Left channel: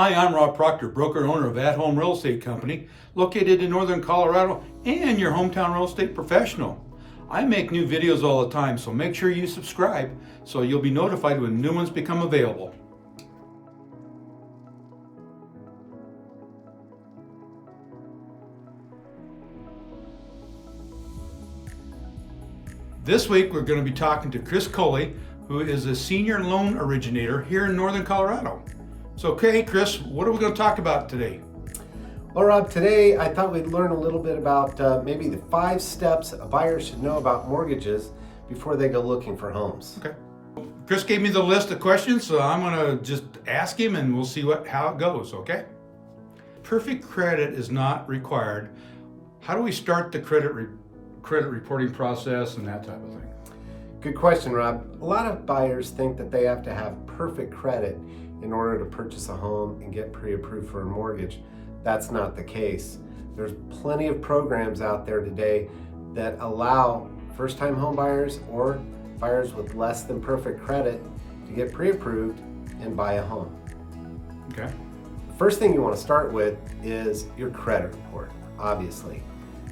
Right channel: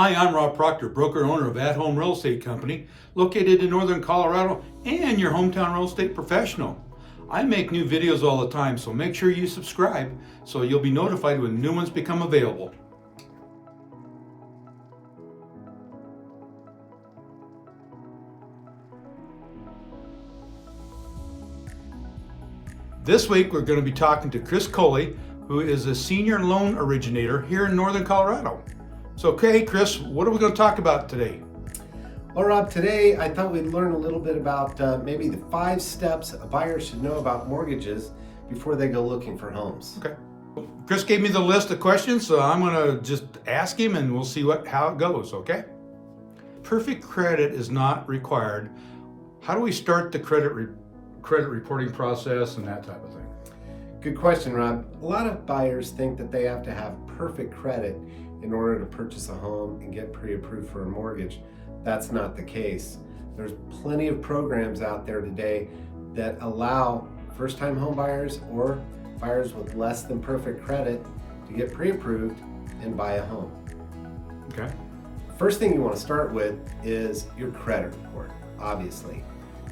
Hi, I'm Rob Proctor, broker and owner of At Home Real Estate Company, located in Northern Colorado and your hometown real estate professional. I make new videos all the time, so make sure you subscribe so you'll be notified when new ones become available. This week we're going to be talking to Chris Coley, who is a senior loan originator here in Northern Colorado. So, okay, Chris, what are we going to talk about today? Well, Rob, today I thought we'd learn a little bit about maybe the 5 steps a buyer should know about mortgages before they go looking for homes. Okay. Chris gave me the list of questions, so I'm going to just ask him and we'll see how it goes, okay? Perfect credit is not required. How do we start the credit reporting process and that type of thing? Good question, Rob. A lot of buyers think that they have to have perfect credit in order to purchase a home and get pre-approved for a mortgage. That's not the case. There's plenty of programs out there today that allow first-time home buyers or buyers with less than perfect credit to get pre-approved and buy a home. Okay. The first thing you want to start with is your credit report, obviously.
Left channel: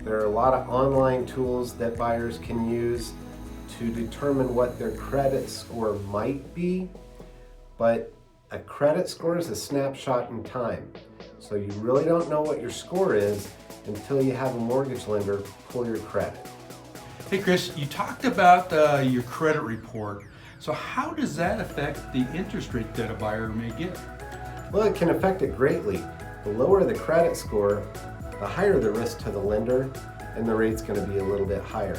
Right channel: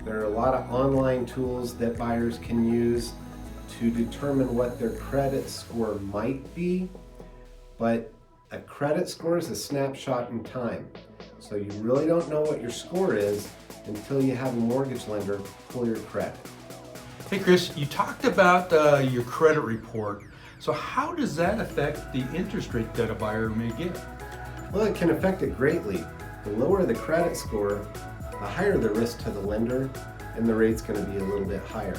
There are a lot of online tools that buyers can use to determine what their credit score might be, but a credit score is a snapshot in time. So you really don't know what your score is until you have a mortgage lender pull your credit. Hey Chris, you talked about your credit report. So how does that affect the interest rate that a buyer may get? Well, it can affect it greatly. The lower the credit score, the higher the risk to the lender, and the rate's going to be a little bit higher.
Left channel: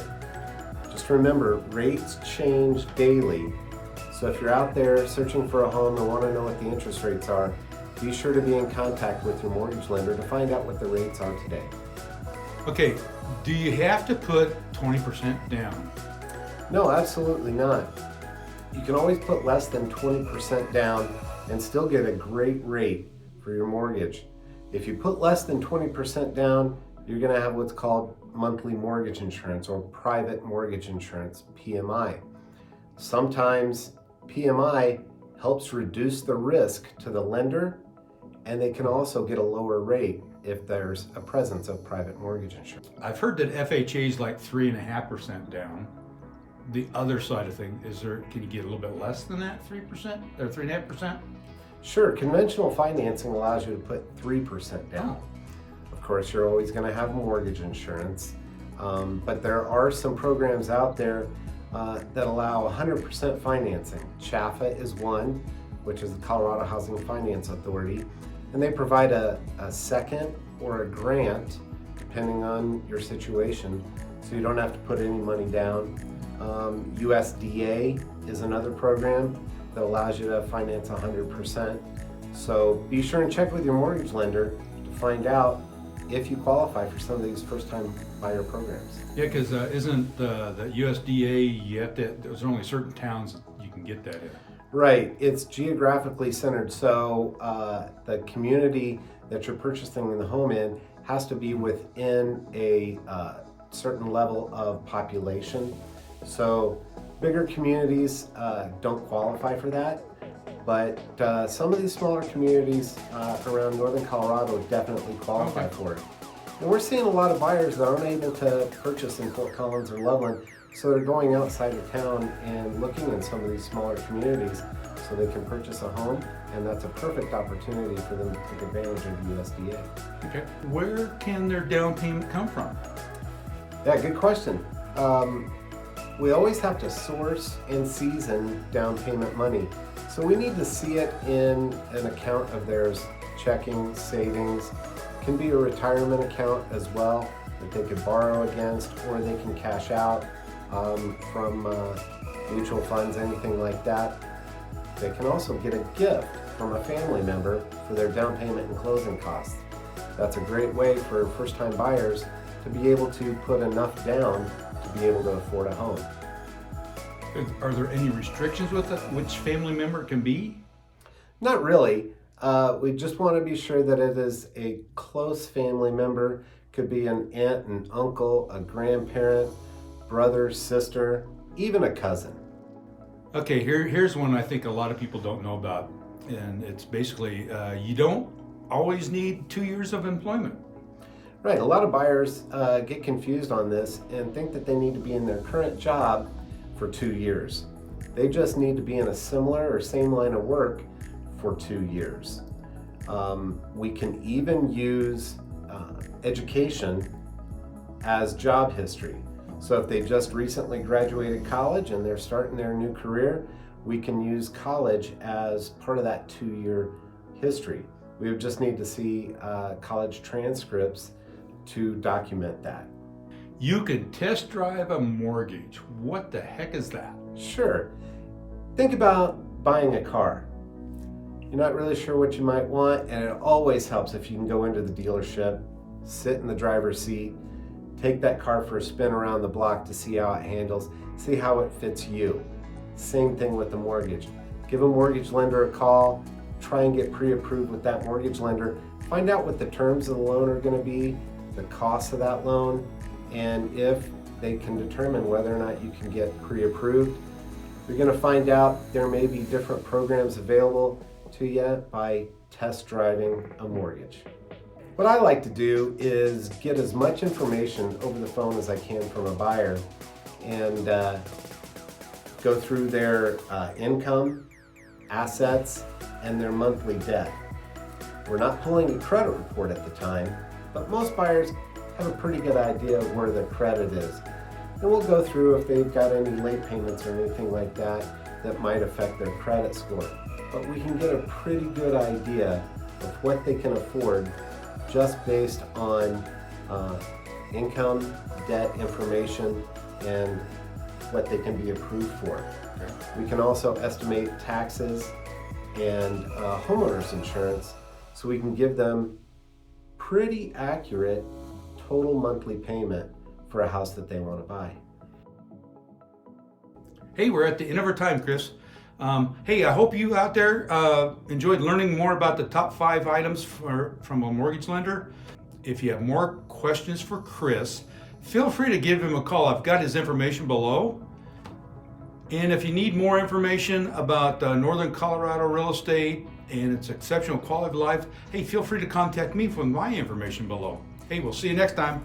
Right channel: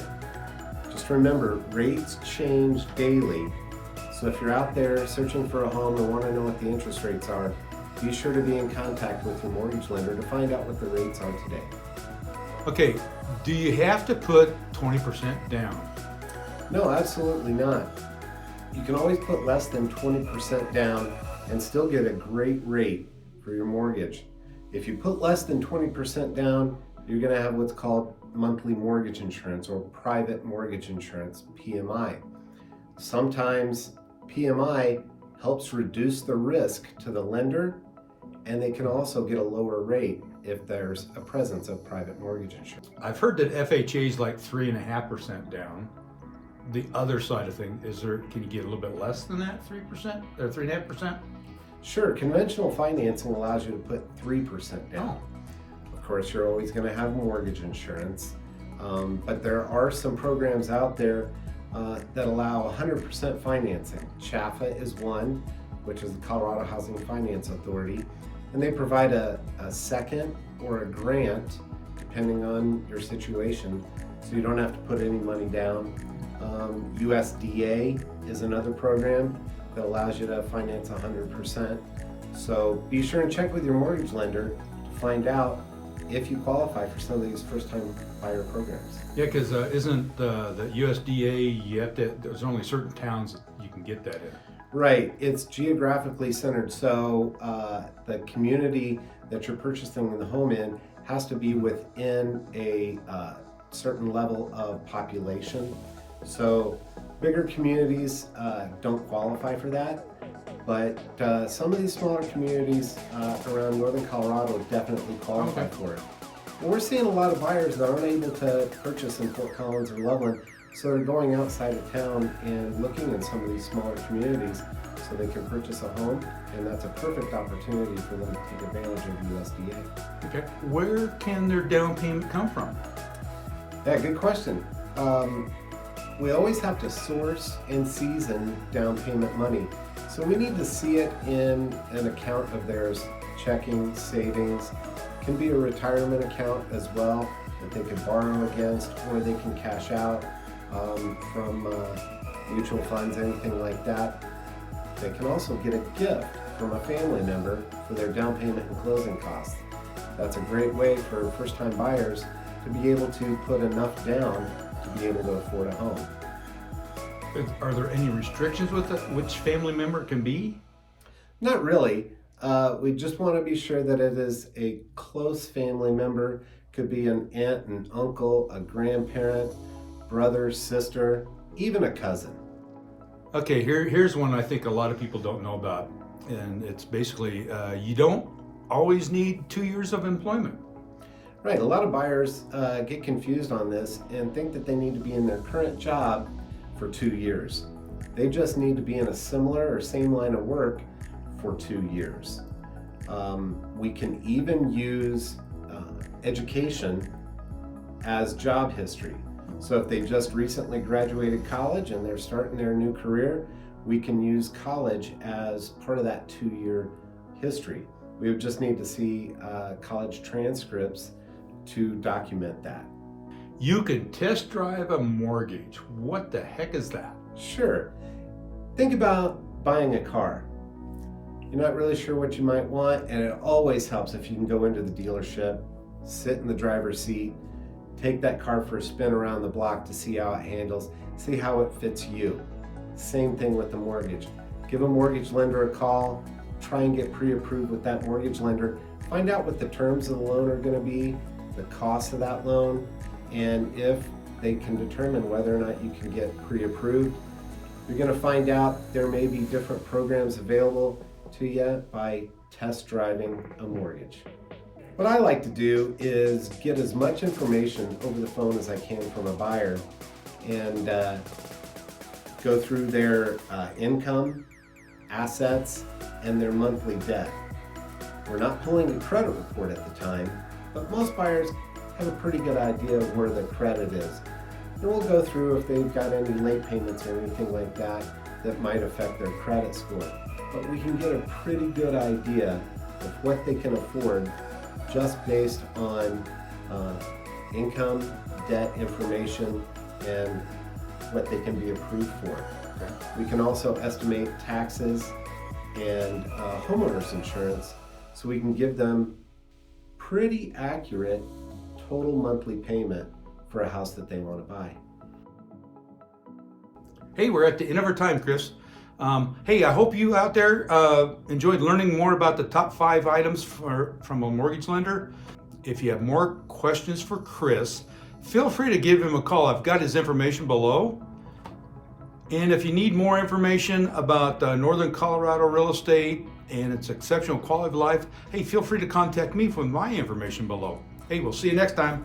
Just remember, rates change daily. So if you're out there searching for a home and want to know what the interest rates are, be sure to be in contact with your mortgage lender to find out what the rates are today. Okay, do you have to put 20% down? No, absolutely not. You can always put less than 20% down and still get a great rate for your mortgage. If you put less than 20% down, you're going to have what's called monthly mortgage insurance or private mortgage insurance, PMI. Sometimes PMI helps reduce the risk to the lender, and they can also get a lower rate if there's a presence of private mortgage insurance. I've heard that FHA is like 3.5% down. The other side of things, can you get a little bit less than that, 3% or 3.5%? Sure, conventional financing allows you to put 3% down. Of course, you're always going to have mortgage insurance, but there are some programs out there that allow 100% financing. SHAFA is one, which is the Colorado Housing Finance Authority, and they provide a second or a grant depending on your situation, so you don't have to put any money down. USDA is another program that allows you to finance 100%. So be sure and check with your mortgage lender to find out if you qualify for some of these first-time buyer programs. Yeah, because isn't the USDA, there's only certain towns that you can get that in. Right, it's geographically centered, so the community that you're purchasing the home in has to be within a certain level of population. So bigger communities don't qualify for that, but some of these smaller communities around Northern Colorado definitely qualify for it. And we're seeing a lot of buyers that aren't able to purchase in Fort Collins or Loveland, so they're going outside of town and looking in some of these smaller communities so they can purchase a home, and that's a perfect opportunity for them to take advantage of the USDA. Okay, where can their down payment come from? Yeah, good question. We always have to source and season down payment money. So we need to see it in an account of theirs, checking, savings. It can be a retirement account as well that they could borrow against, or they can cash out from mutual funds, anything like that. They can also get a gift from a family member for their down payment and closing costs. That's a great way for first-time buyers to be able to put enough down to be able to afford a home. Are there any restrictions with which family member it can be? Not really. We just want to be sure that it is a close family member. Could be an aunt, an uncle, a grandparent, brother, sister, even a cousin. Okay, here's one I think a lot of people don't know about. And it's basically, you don't always need 2 years of employment. Right, a lot of buyers get confused on this and think that they need to be in their current job for 2 years. They just need to be in a similar or same line of work for 2 years. We can even use education as job history. So if they just recently graduated college and they're starting their new career, we can use college as part of that 2-year history. We would just need to see college transcripts to document that. You could test drive a mortgage. What the heck is that? Sure. Think about buying a car. You're not really sure what you might want, and it always helps if you can go into the dealership, sit in the driver's seat, take that car for a spin around the block to see how it handles, see how it fits you. Same thing with the mortgage. Give a mortgage lender a call, try and get pre-approved with that mortgage lender, find out what the terms of the loan are going to be, the cost of that loan, and if they can determine whether or not you can get pre-approved. You're going to find out there may be different programs available to you by test driving a mortgage. What I like to do is get as much information over the phone as I can from a buyer and go through their income, assets, and their monthly debt. We're not pulling a credit report at the time, but most buyers have a pretty good idea of where their credit is. And we'll go through if they've got any late payments or anything like that that might affect their credit score. But we can get a pretty good idea of what they can afford just based on income, debt information, and what they can be approved for. We can also estimate taxes and homeowners insurance, so we can give them pretty accurate total monthly payment for a house that they want to buy. Hey, we're at the end of our time, Chris. Hey, I hope you out there enjoyed learning more about the top 5 items from a mortgage lender. If you have more questions for Chris, feel free to give him a call. I've got his information below. And if you need more information about Northern Colorado real estate and its exceptional quality of life, hey, feel free to contact me with my information below. Hey, we'll see you next time.